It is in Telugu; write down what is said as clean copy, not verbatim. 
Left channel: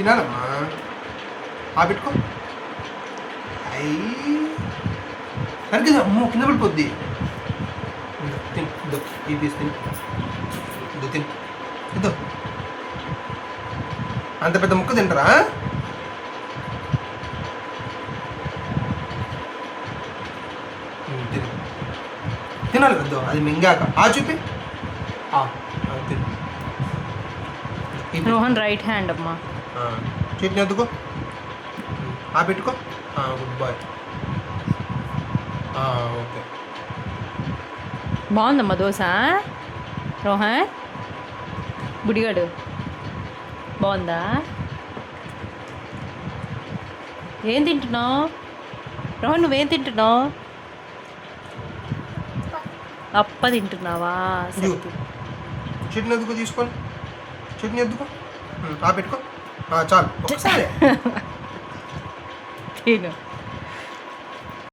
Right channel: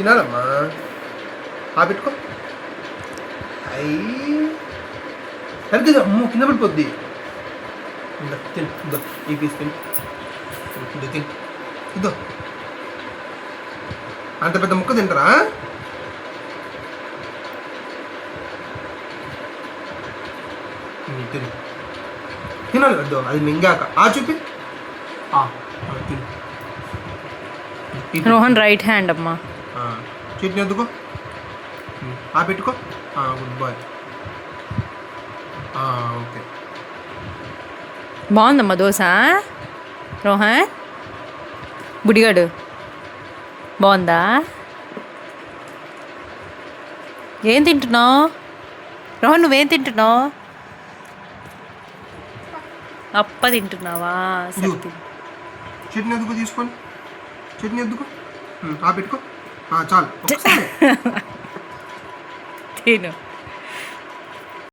తినాలమ్మా. పెట్టుకో. అయ్యి సరిగ్గా అమ్మో కింద పడిపోద్ది. తిను ఇద్దో ఈ పీస్ తిను. ఇద్దో తిను ఇద్దో. అంత పెద్ద ముక్క తింటారా? తిను తినాలి పెద్ద. అది మింగాక చూపి తిను. రోహన్ రైట్ హ్యాండ్ అమ్మా. చట్నీ ఎత్తుకో. పెట్టుకో. Good boy. ఓకే. బాగుందమ్మా దోశ. రోహన్ బుడిగాడు బాగుందా? ఏం తింటున్నావు రోహన్? నువ్వేం తింటున్నావు? అప్ప తింటున్నావా? సరే చట్నీ ఎద్దుకో. తీసుకోండి చట్నీ ఎద్దుకో. పెట్టుకో. చాలు తిను.